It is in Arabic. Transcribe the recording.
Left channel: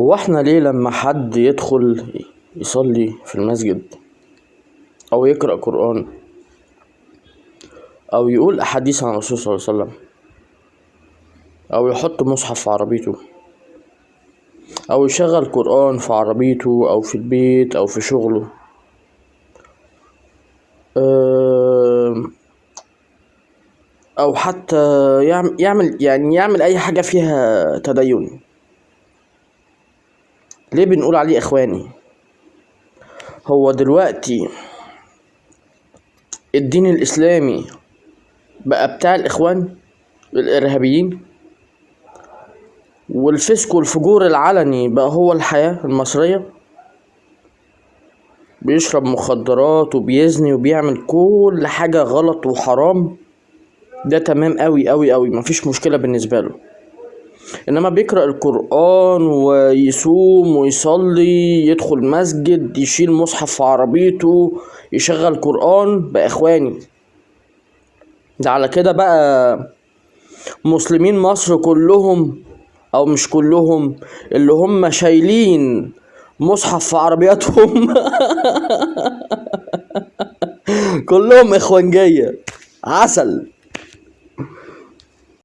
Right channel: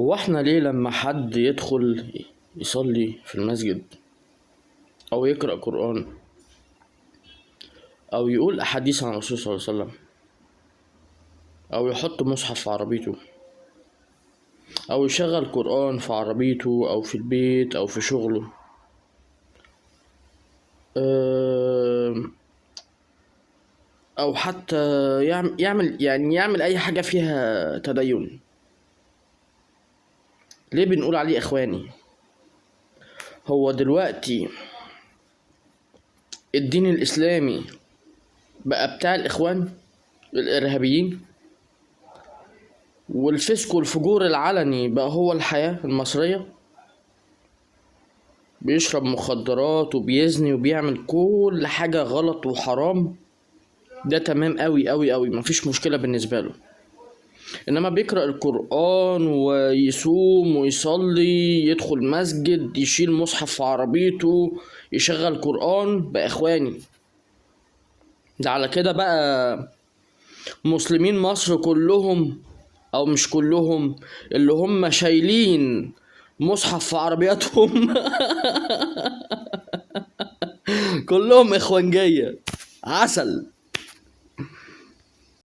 هو احنا ليه لما حد يدخل يصلي في المسجد او يقرأ قرآن او يقول احاديث عن الرسول صلى الله عليه وسلم او يحط مصحف في عربيته او يشغل قرآن في عربيته او في البيت او في شغله، او حتى يعمل اي حاجة فيها تدين، ليه بنقول عليه اخواني؟ هو دلوقتي الدين الاسلامي بقى بتاع الاخوان الارهابيين، والفسق والفجور العلني بقى هو الحياة المصرية؟ بيشرب مخدرات وبيزني وبيعمل كل حاجة غلط وحرام، ده تمام قوي قوي قوي، مفيش مشكلة بالنسبة له. انما بيقرأ القرآن ويصوم ويصلي، يدخل مسجد، يشيل مصحف في عربيته، يشغل قرآن، بقى اخواني. ده على كده بقى مسلمين مصر كلهم، او مش كلهم، اللي هم شايلين مصحف في عربياتهم كلهم اخوانجية عسل.